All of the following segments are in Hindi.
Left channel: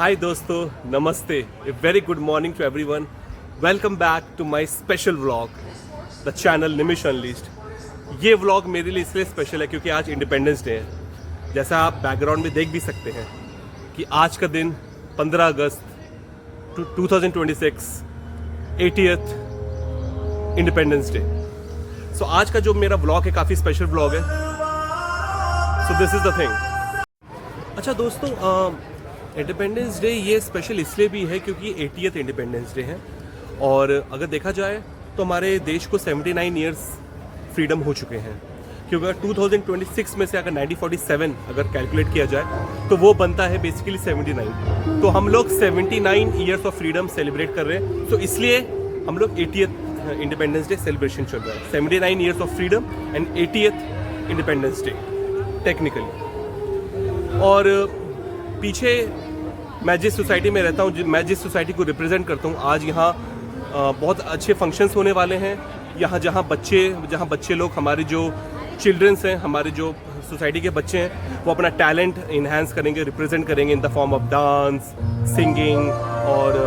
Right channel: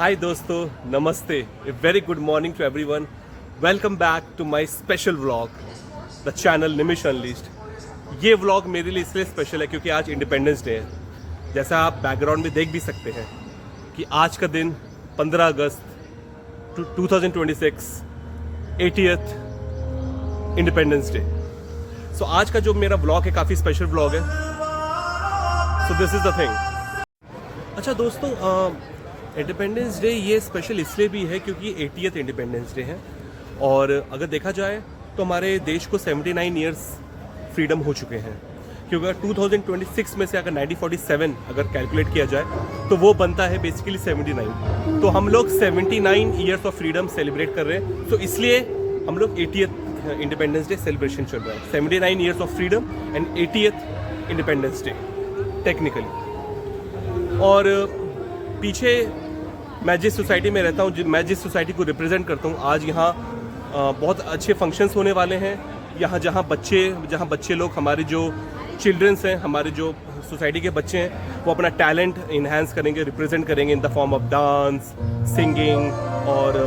Hi दोस्तों, नमस्ते, a very good morning to everyone. Welcome back to my special vlog, the channel Nimish Unleashed. ये व्लॉग मेरे लिए इसलिए स्पेशल है क्योंकि आज इंडिपेंडेंस डे है। जैसा आप बैकग्राउंड में देख भी सकते हैं कि आज का दिन 15 अगस्त 2026 80th इंडिपेंडेंस डे। सो आज का जो मेरा व्लॉग है काफ़ी स्पेशल व्लॉग है। So this is the thing. अच्छा दोस्तों, इंडिपेंडेंस डे ये स्पेशल इसलिए भी है क्योंकि 80th इंडिपेंडेंस डे है और अगर देखा जाए तो हमारे देश को 79 ईयर्स फ्रीडम हो चुके हैं। क्योंकि अगर 2026 में से अगर 1947 अगर कैलकुलेट किया जाए तो वो बनता है बेसिकली 79। तो हम लोग 79 ईयर्स ऑफ फ्रीडम सेलिब्रेट कर रहे हैं। तो इसलिए हम लोग 80th इंडिपेंडेंस डे सेलिब्रेशन चल रहा है। 79 years of freedom and 80th independence day technically. और पीछे मैं जिस सोसाइटी में रहता हूँ, मैं जिस सोसाइटी को रिप्रेजेंट करता हूँ, आज यहाँ बहुत अच्छे फंक्शंस होने वाले हैं। यहाँ जहाँ बच्चे लोग, हमारे जो चिल्ड्रंस हैं, हमारे जो सोसाइटी के बच्चे हैं, वो अपना टैलेंट इन्हांस करेंगे, रिप्रेजेंट करेंगे in the form of dance, singing और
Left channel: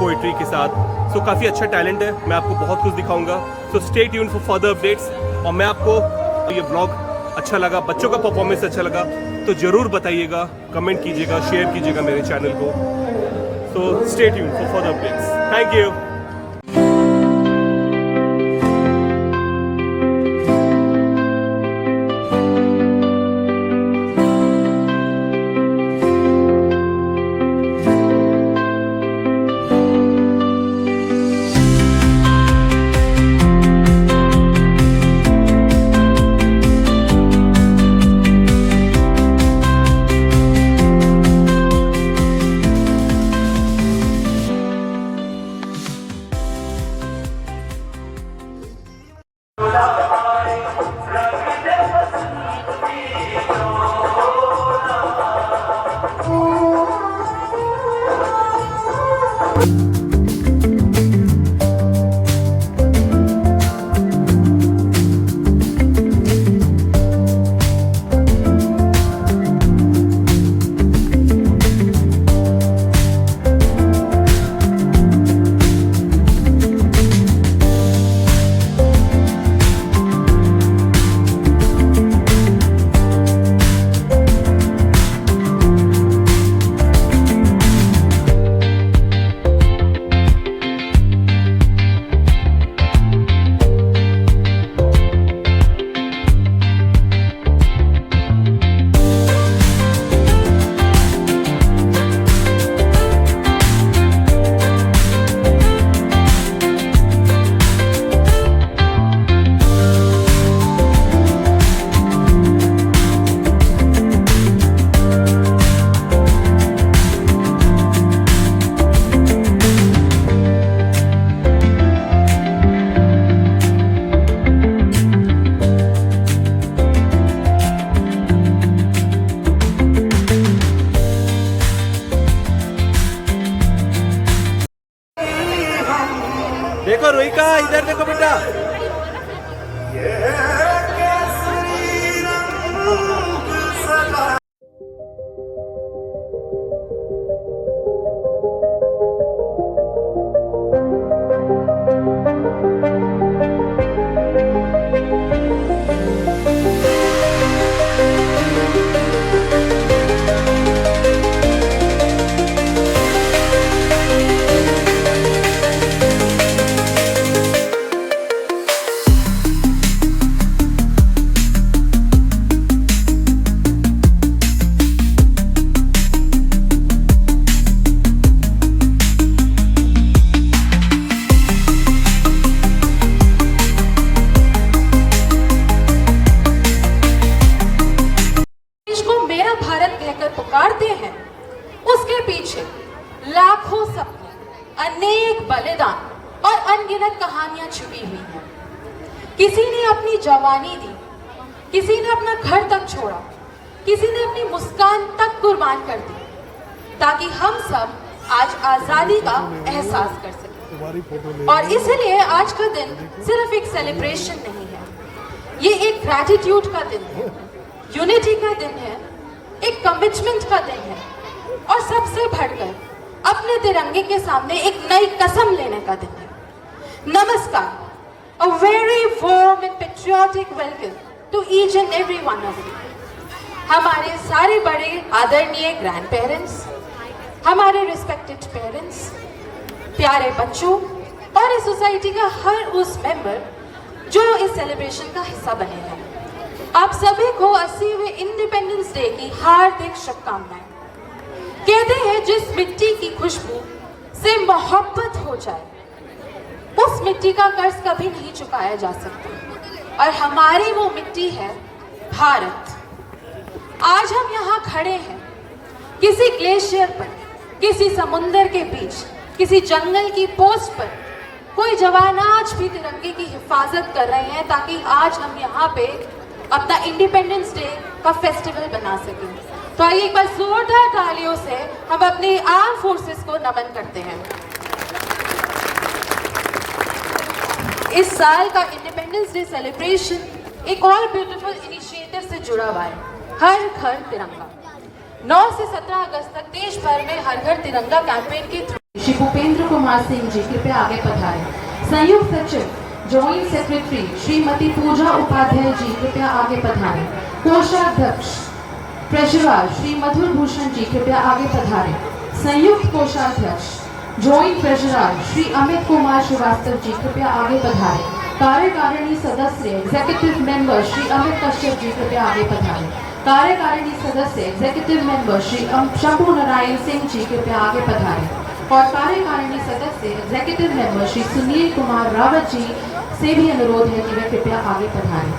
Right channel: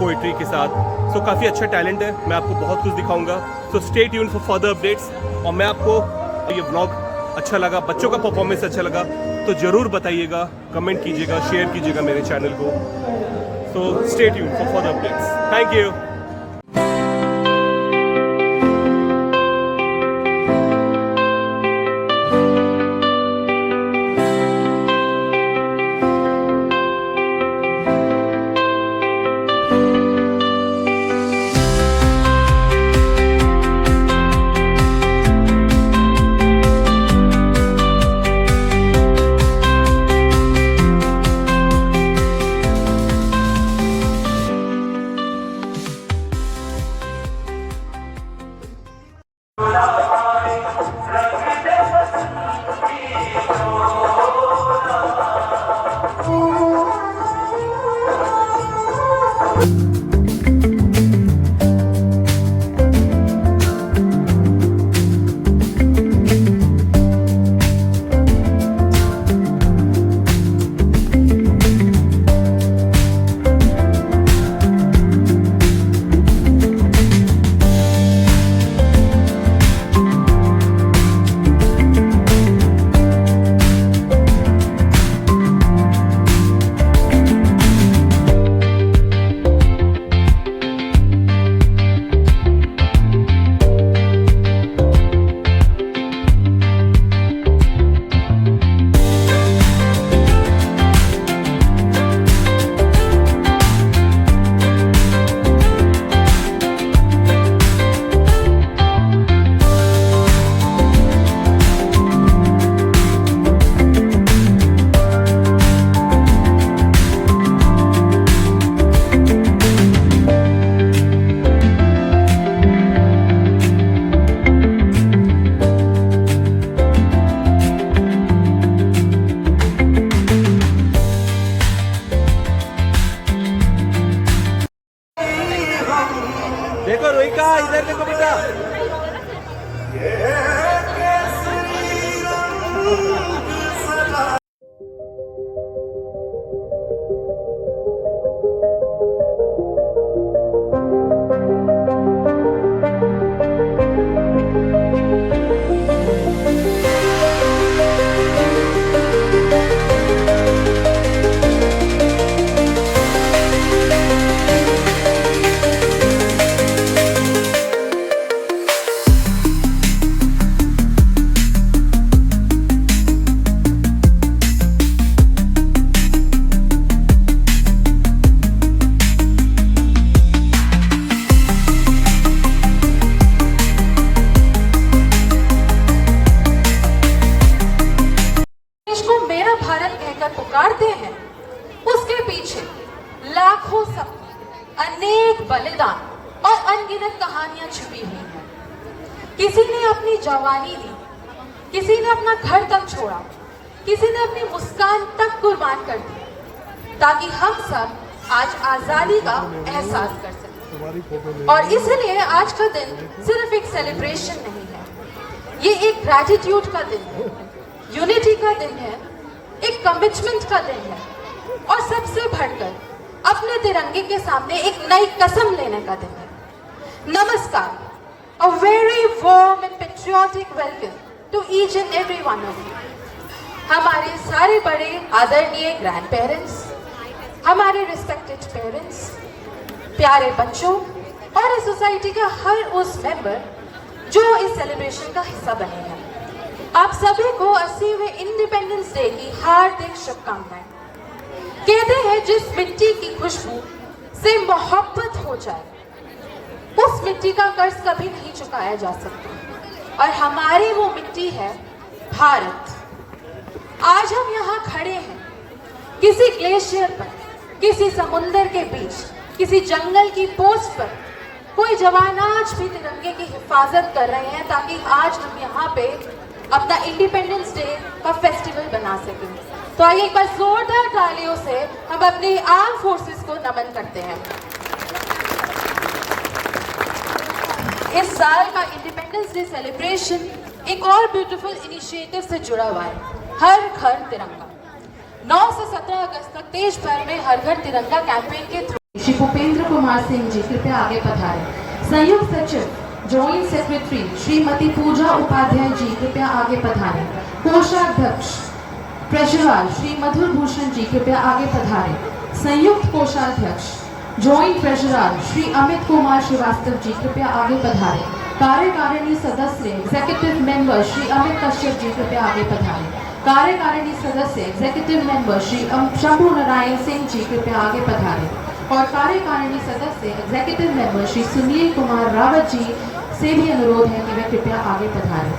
पोइट्री के साथ। सो काफ़ी अच्छा टैलेंट है। मैं आपको बहुत कुछ दिखाऊंगा। So stay tune for further updates. और मैं आपको ये व्लॉग अच्छा लगा, बच्चों का परफॉर्मेंस अच्छा लगा तो ज़रूर बताइएगा, कमेंट कीजिएगा, शेयर कीजिएगा मेरे चैनल को। So stay tune for further updates. Thank you. देखो रोहिका, इधर देखो बेटा। पुकारते हैं, उसके पीछे लाखों सपने, अनेक बलिदान और अनगिनत कहानियां छुपी हुई हैं। किसी ने अपनी जवानी दी, किसी ने अपना घर तक छोड़ा, किसी ने अपनी मुस्कान तक कुर्बान कर दी ताकि हम सब आज आजादी का एहसास कर सकें। और इसलिए आज का दिन सिर्फ एक सेलिब्रेशन नहीं है, ये एक ग्रैटिट्यूड का दिन है, यूनिटी का दिन है, एक कमिटमेंट का दिन है और सबसे बढ़कर अपने तिरंगे के सामने एक नई कसम लेने का दिन है। नमस्कार, a very warm and patriotic welcome to each and every one of you. हमारे सारे बड़े आदरणीय ग्रैंड पेरेंट्स, हमारे रिस्पेक्टेड पेरेंट्स, प्यारे बच्चों और इस सोसाइटी का हर उस मेंबर जो इस सेलिब्रेशन का हिस्सा बने हैं, आप सभी को 80वें इंडिपेंडेंस डे की हार्दिक शुभकामनाएं। कहते हैं जिस मिट्टी की खुशबू से मोहब्बत हो जाए उस मिट्टी का कर्ज कभी नहीं चुकाया जा सकता, और हमारी वो मिट्टी है भारत। आज हम यहाँ खड़े हैं किसी ग्लेशियर पर, किसी समुंदर के बीच, किसी जंगल की पोस्ट पर। कोई जवान आज भी तिरंगे की हिफाजत कर रहे हैं ताकि आज हम यहाँ पे अपना इंडिपेंडेंस डे का फेस्टिवल बना सकें। तो आइए एक बार जोरदार तालियों से हम अपने आर्म फोर्सेस को नमन करते हैं। इस साल का इंडिपेंडेंस डे सेलिब्रेशन एक और ब्यूटीफुल इनिशिएटिव से जुड़ा हुआ है, हर घर तिरंगा। 9 से 17 अगस्त तक देश भर में हर घर तिरंगा कैंपेन के थ्रू श्री भूपेंद्र कुमार सिंह जी कृपया आगे पधारें। संयुक्त सचिव जॉइंट सेक्रेटरी श्रीमती पूजा उपाध्याय जी कृपया आगे पधारें। कोषाध्यक्ष ट्रेजरर श्री मधुर भूषण जी कृपया आगे पधारें। संयुक्त कोषाध्यक्ष जॉइंट ट्रेजरर श्री अमित कुमार श्रीवास्तव जी कृपया आगे पधारें। कार्यकारिणी सदस्य एग्जीक्यूटिव मेंबर श्री अमित कश्यप जी कृपया आगे पधारें। कार्यकारिणी सदस्य एग्जीक्यूटिव मेंबर श्री शंभु नारायण सिंह जी कृपया आगे पधारें। और कार्यकारिणी सदस्य एग्जीक्यूटिव मेंबर श्री सुनील कुमार रावत जी से भी अनुरोध है कि वे कृपया आगे पधारें।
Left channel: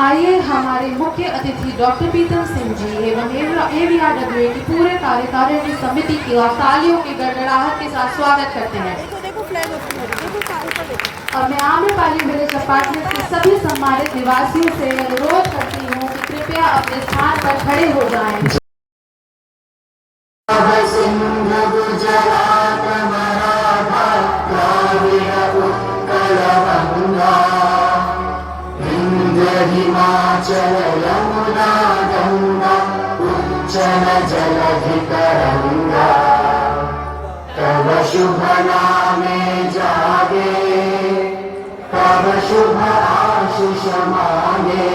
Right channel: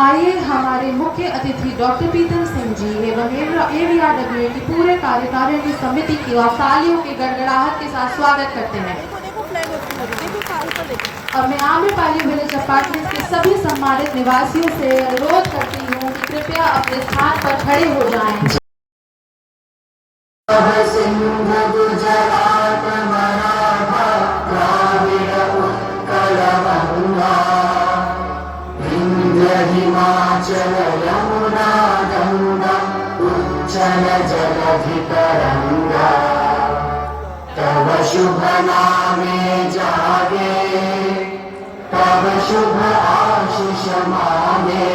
आइए हमारे मुख्य अतिथि डॉक्टर प्रीतम सिंह जी एवं AVRWA की पूरे कार्यकारिणी समिति की तालियों की गड़गड़ाहट के साथ स्वागत करते हैं। और मैं आम्रपाली विलेज अपार्टमेंट के सभी सम्मानित निवासियों से अनुरोध करती हूँ कि कृपया अपने स्थान पर खड़े हो जाएं। हिमाचल यमुना गंगा उज्जल जलधि तरंगा तव शुभ नामे जागे तव शुभ आशीष मांगे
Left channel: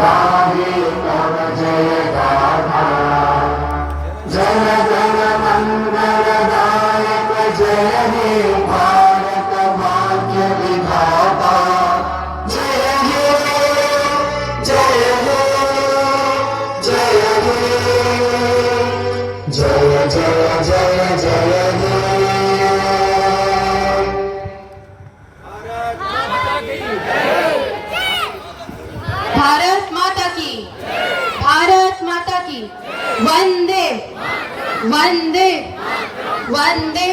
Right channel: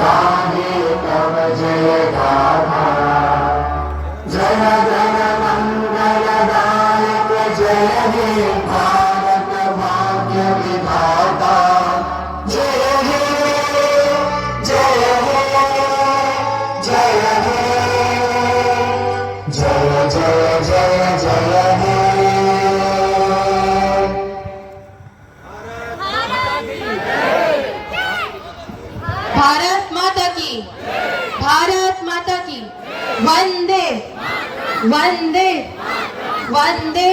गाहे तव जय गाथा जय गण मंगलदायक जय हे भारत भाग्य विधाता वंदे वंदे वंदे।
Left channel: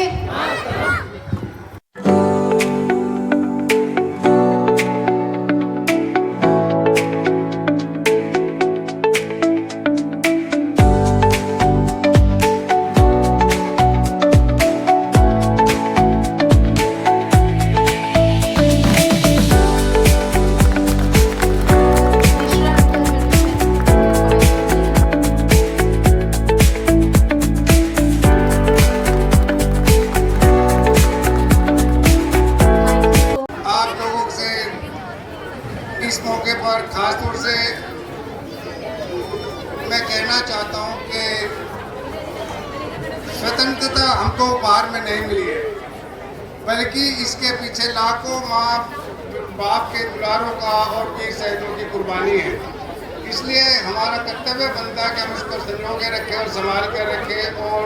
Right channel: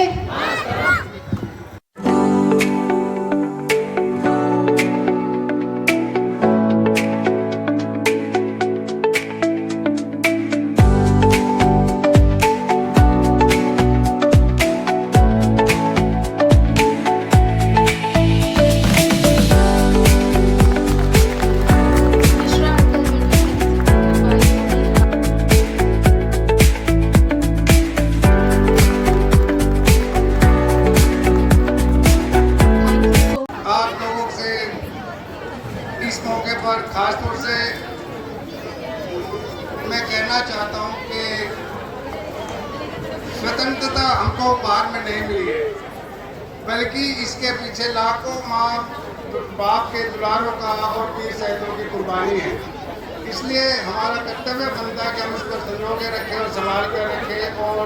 इस मौके पर खास तौर से मैं कहना चाहता हूं कि स्वतंत्रता हमको उपहार में नहीं मिली है, बल्कि इसके पीछे लाखों माँ बाप के दुलारों का और वीर शहीदों की कुर्बानी है। इसलिए हमारा कर्तव्य बनता है कि हम इसको संजो के रखें और संभाल कर रखें। और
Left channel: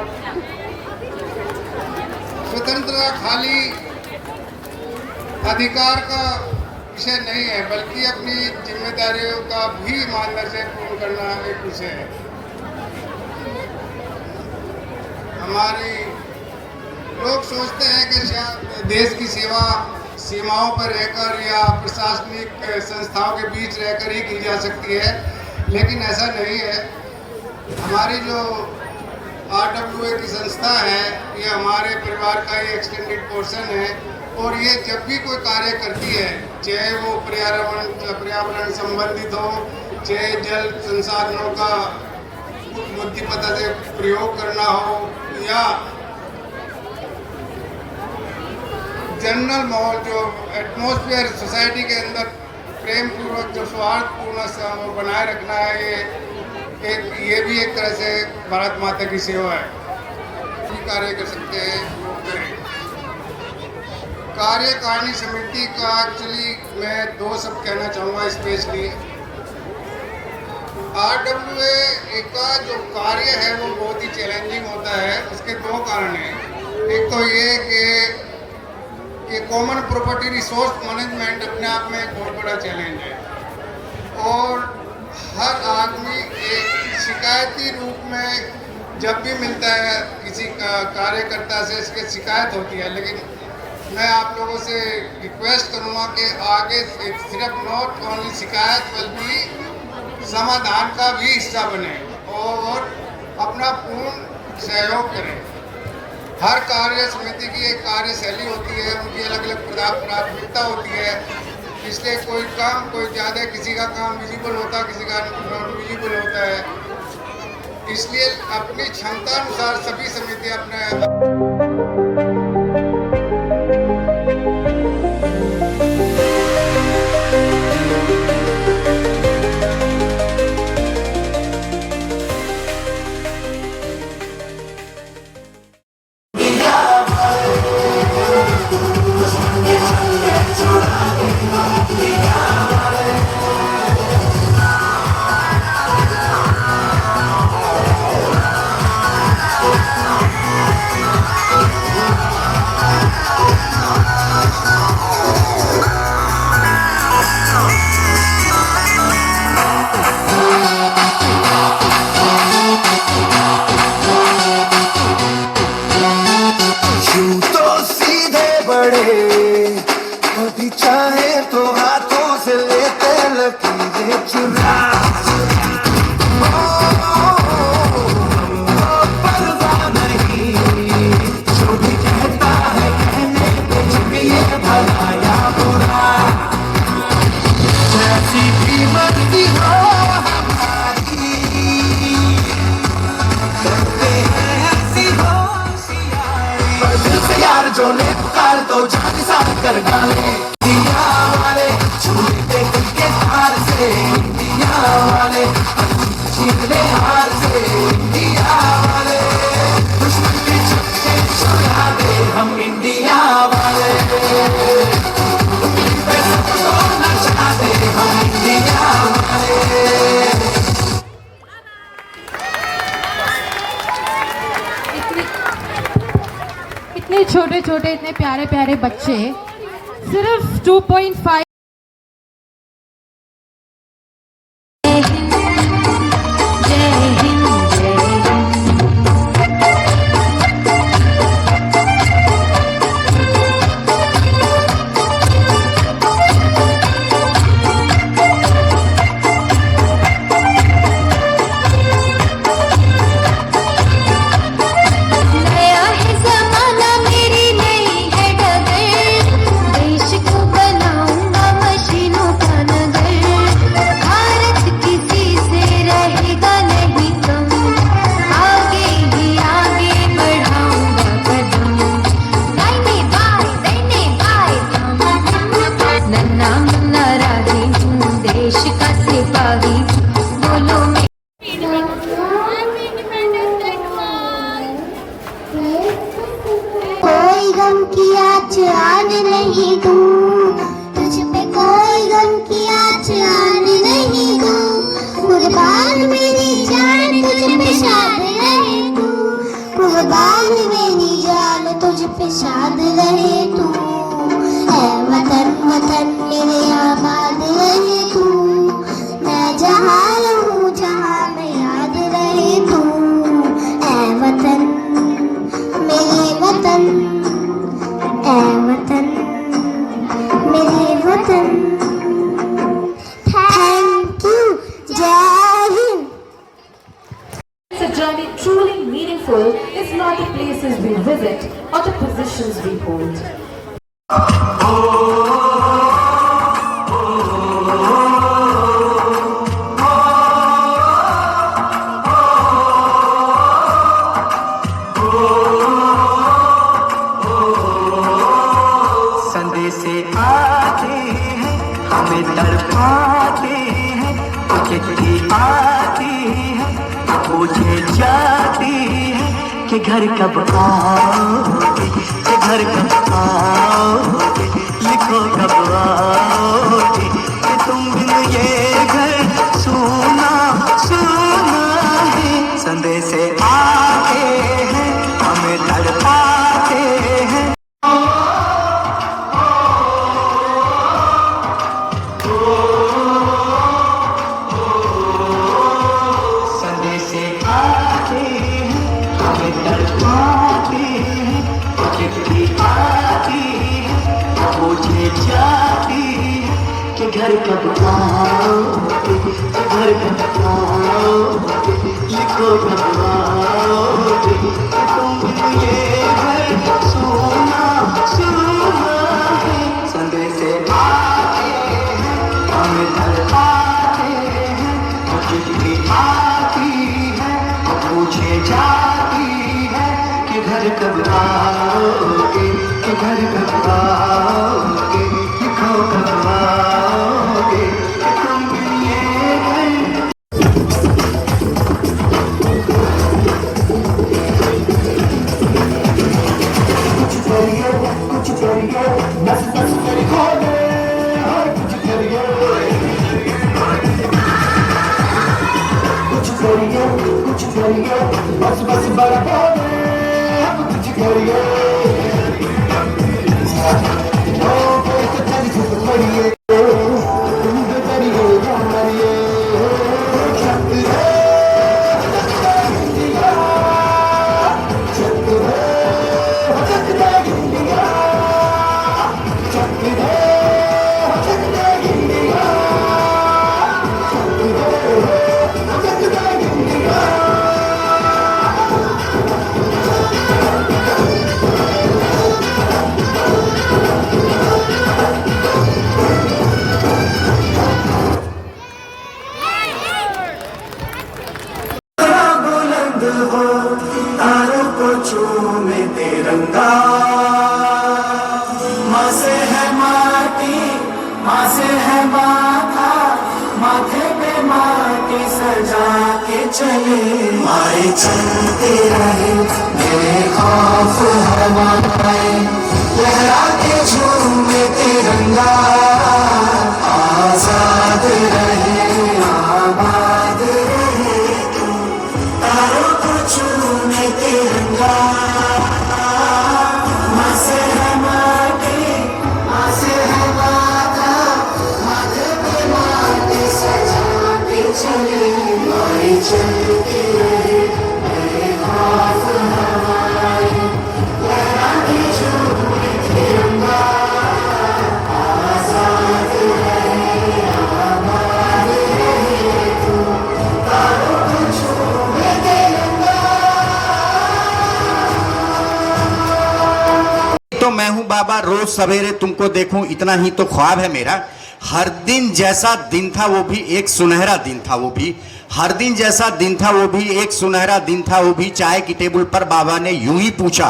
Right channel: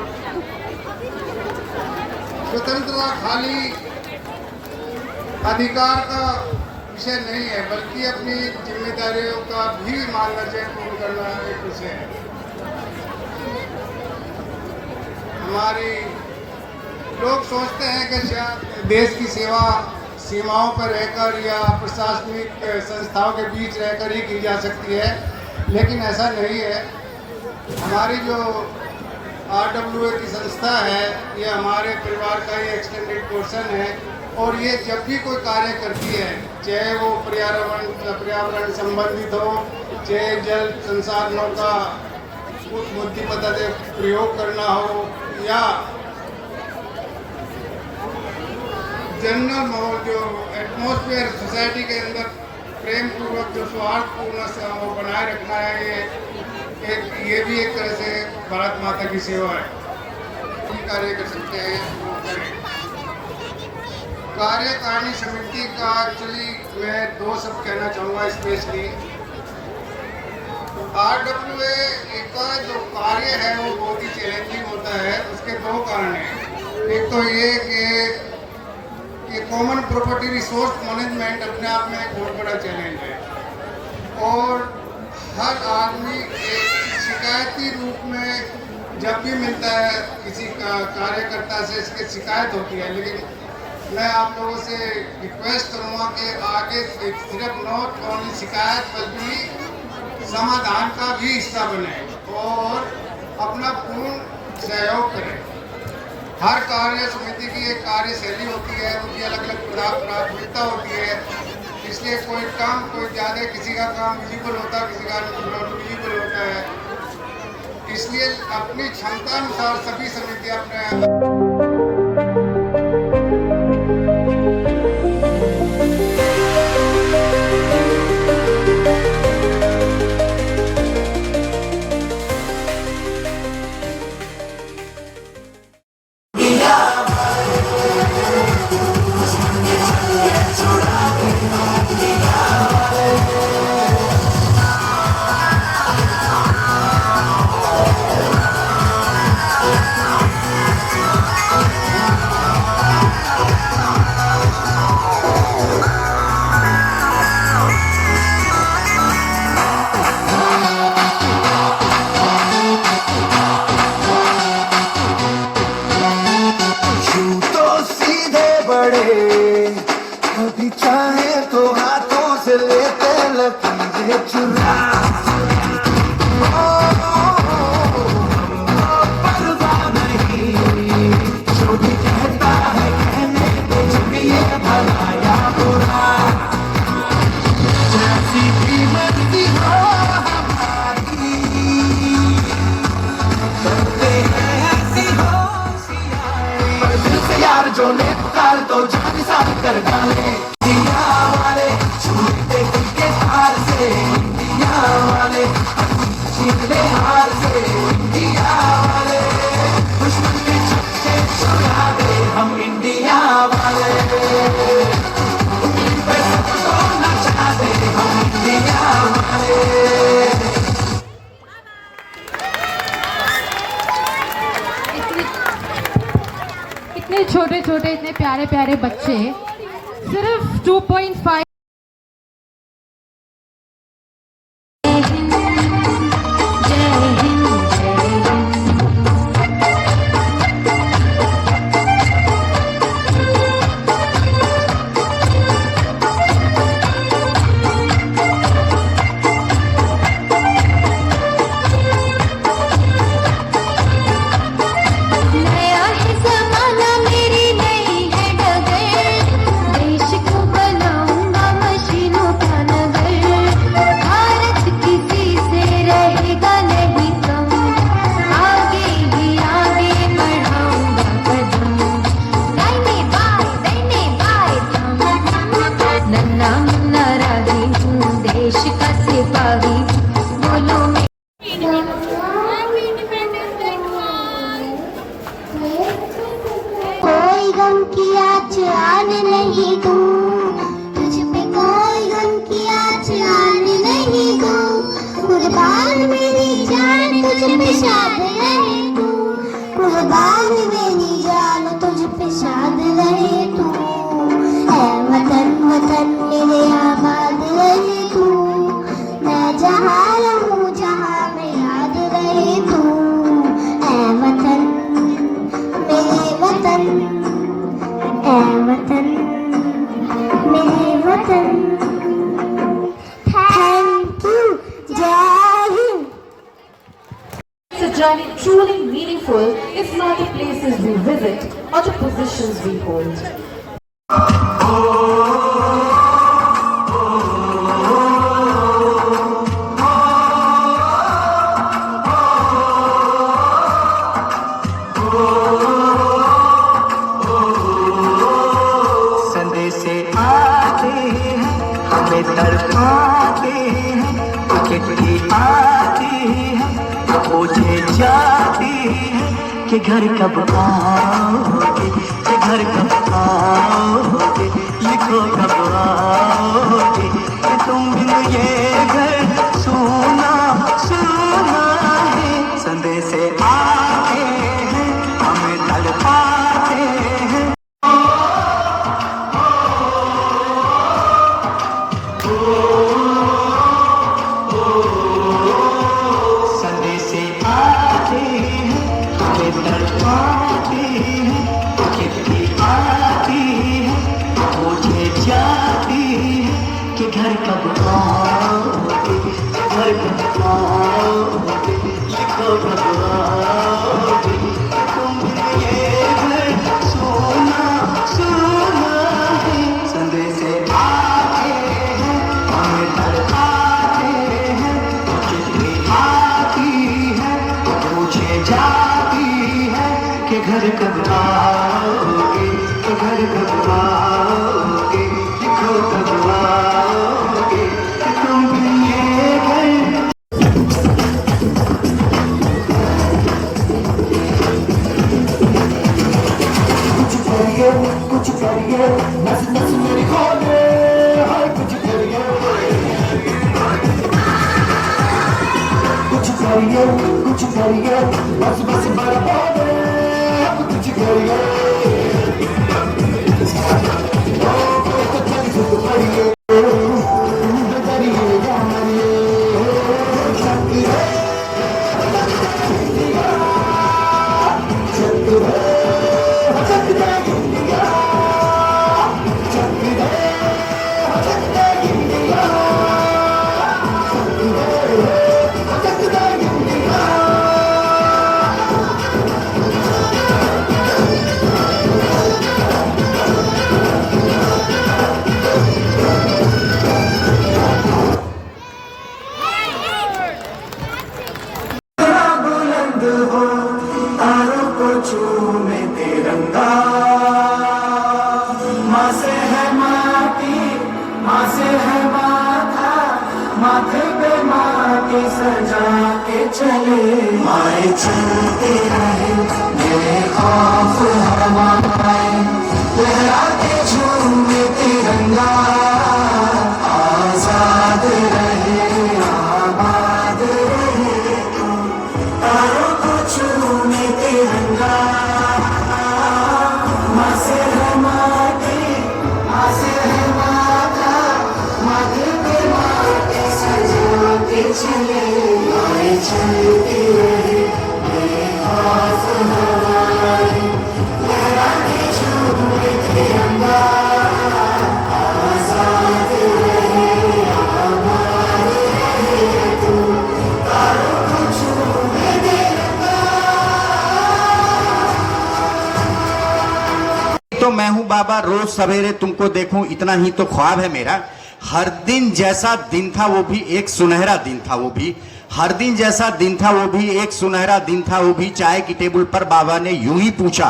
स्वतंत्रता खाली अधिकार का विषय नहीं है, बल्कि अपनी जिम्मेदारियों का भी मानदर्य पूर्ण करना एक विषय है। हमारी लोग सोचते हैं कि देश की सेवा सीमाओं पर रहकर या प्रशासनिक संस्थाओं के बीच रहकर ही की जा सकती है, लेकिन ऐसा नहीं है। हमारी जो RWA की संस्था है, ये हमारे परिवार का ही एक्सटेंडेड पोर्शन है, और ये जब भी कोई कार्य करती है, चाहे वो पर्यावरण संबंधित हो, चाहे जल संसाधनों का बुद्धिमत्ता से प्रयोग करना हो या जनरल माहौल जो एटमॉस्फेयर सोसाइटी के अंदर प्रेम पूर्वक जो सौहार्दपूर्ण वो बनाए रखना है, ये भी एक तरह से भारत माता की सेवा है। ये कार्य कर सकते हैं वो करें। कार्यकारिणी समिति का एक्चुअली मैं 2 शब्द कहना चाहूँगा स्पेशली। RWA का जो कार्य है वो बहुत ही चैलेंजिंग होता है। उसके 2 कारण हैं। एक तो ये कि कॉमन प्रॉपर्टी रिसोर्स मैनेजमेंट अपने आप में एक बहुत बड़ा चैलेंज है और हर आदमी एक शिकायती रूप में जब भी मिलता है किसी कार्यकर्ता से इसकी शिकायत होती है। लेकिन मैं आप लोगों से रिक्वेस्ट करूँगा कि आगे सिर्फ नॉट ओनली शिकायत बल्कि समाधान का भी हिस्सा बने और अपना पूर्ण सहयोग करें। हर कार्य समिति की एक कार्यशैली होती है, उनकी अलग अलग प्राथमिकता होती है। इसलिए कोई काम कोई ज़्यादा, किसी का काम विजिबल होता है, किसी का नॉन विजिबल होता है। इसलिए अपनी क्षमता अनुसार सभी समितियाँ अपने कभी चाहे तो हाथों से लेते लकीरें चुरा जो भी कहता है कहने पे चुनिए भला या बुरा, जैसी भी मर्जी हो हमारी, दिल से यार जो ने पुकार तो जान साथ कर डाले। दिया वाले छूटे के हार से, दिया वाले छीने हार से, दिया वाले दुश्मन के छक्के छुड़ा दे हम इंडिया वाले, नचा दे हम इंडिया वाले। इतने छोटे छोटे इतने प्यारे प्यारे बच्चे सिर्फ 2.5 कोई गम की आज आन नहीं दूं, तुझ पे कोई गम की आज आन नहीं दूं। कुर्बान मेरी जान तुझ पे शाद रहे तू, कुर्बान मेरी जान तुझ पे शाद रहे तू। ऐ वतन वतन मेरे आबाद रहे तू, मैं जहाँ रहूँ जहाँ में याद रहे तू। ऐ वतन मेरे वतन, ऐ वतन मेरे वतन। थैंक यू, जय Hind. It's a journey truly meaningful is not the places we visit or the positions we hold. चिट्ठी आती है पूछे जाती है कि घर कब आओगे, कि घर कब आओगे, लिखो कब आओगे, कि तुम बिन ये घर सोना सोना है। संदेश आते हैं हमें तड़पाते हैं। संदेश आते हैं हमें तड़पाते हैं, चिट्ठी आती है पूछे जाती है कि घर कब आओगे, कि घर कब आओगे, लिखो कब आओगे, कि तुम ये घर सोना सोना है। संदेश आते हैं हमें तड़पाते हैं, चिट्ठी आती है पूछे जाती है कि घर कब आओगे, कि घर कब आओगे, लिखो कब आओगे, कि तुम बिन ये घर। कुछ करिए नस नस मेरी खोले, हाय कुछ करिए, कुछ करिए बस बस बड़ा बोले, अब कुछ करिए, ओ तो चल कुछ करिए, तुम करिए या मरिए, शक्ति है, शक्ति है, शक्ति है इंडिया, शक्ति है, शक्ति है इंडिया, शक्ति है, शक्ति है इंडिया। बुलंद हो तारों को चूमे तिरंगा, माँ से है माटी, माँ से है माथा, माथे पे माटी सजा के चले, आए चलते रहे मेरे खौफ हवाएं, लहरा के झूमे तिरंगा, आजाद रहे आबाद रहे तू, तारों को चूमे तिरंगा, माँ से है माटी, माँ से है माथा, माथे पे माटी सजा के चले, आए चलते रहे मेरे खौफ हवाएं, लहरा के झूमे तिरंगा, आजाद रहे आबाद रहे तू, तारों को चूमे तिरंगा। तो मैं हूं बाबा, रोज सवेरे तुमको देखूं इतना ही तो ख्वाब है मेरा। हर दिन जैसा दिन था वो भी एक सुनहरा दिन था, वो भी हर दिन जैसा दिन था वो भी एक सुनहरा दिन था, वो भी चाय की टेबल पर बाबा ने यूं ही पूछा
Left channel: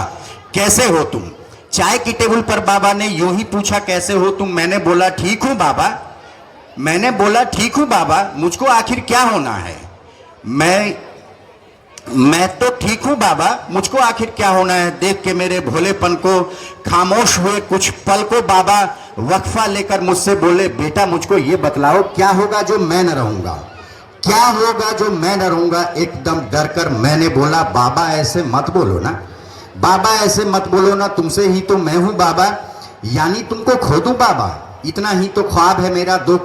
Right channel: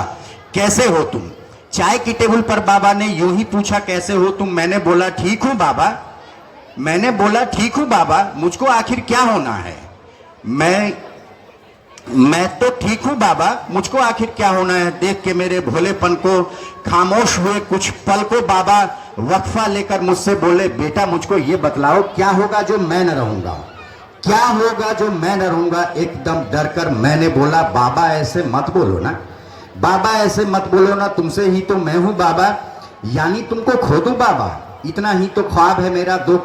कैसे हो तुम, चाय की टेबल पर बाबा ने यूं ही पूछा कैसे हो तुम। मैंने बोला ठीक हूं बाबा, मैंने बोला ठीक हूं बाबा, मुझको आखिर क्या होना है, मैं तो ठीक हूं बाबा, मुझको आखिर क्या होना है। देख के मेरे भोलेपन को खामोश हुए कुछ पल को बाबा वक्फा लेकर मुझसे बोले, बेटा मुझको ये बतलाओ क्या होगा जो मैं न रहूंगा, क्या होगा जो मैं न रहूंगा। एकदम डर कर मैंने बोला, बाबा ऐसे मत बोलो ना, बाबा ऐसे मत बोलो ना, तुमसे ही तो मैं हूं बाबा, यानी तुमको खो दूं बाबा, इतना ही तो ख्वाब है मेरा 2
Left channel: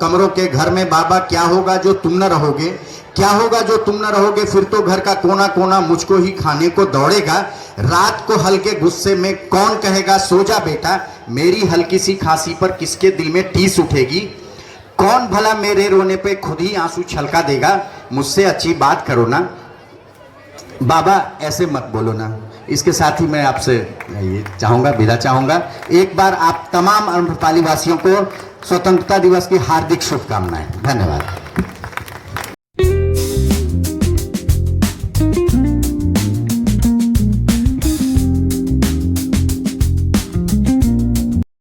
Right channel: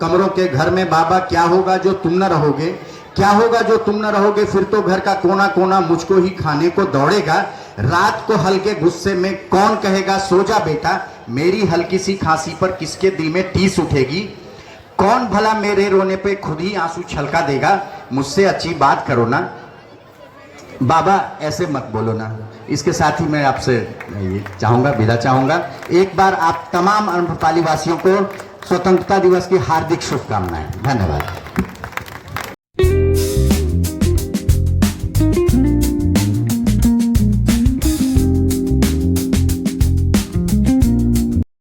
कमरों के घर में बाबा। क्या होगा जो तुम न रहोगे, क्या होगा जो तुम न रहोगे, फिर तो घर का कोना कोना मुझको ही खाने को दौड़ेगा। रात को हल्के गुस्से में कौन कहेगा सो जा बेटा, मेरी हल्की सी खांसी पर किसके दिल में टीस उठेगी, कौन भला मेरे रोने पे खुद ही आंसू छलका देगा। मुझसे अच्छी बात करो ना बाबा, ऐसे मत बोलो ना। इसके साथ ही मैं आपसे चाहूंगा, विदा चाहूंगा। एक बार आप तमाम अम्रपाली वासियों को स्वतंत्रता दिवस की हार्दिक शुभकामनाएं। धन्यवाद।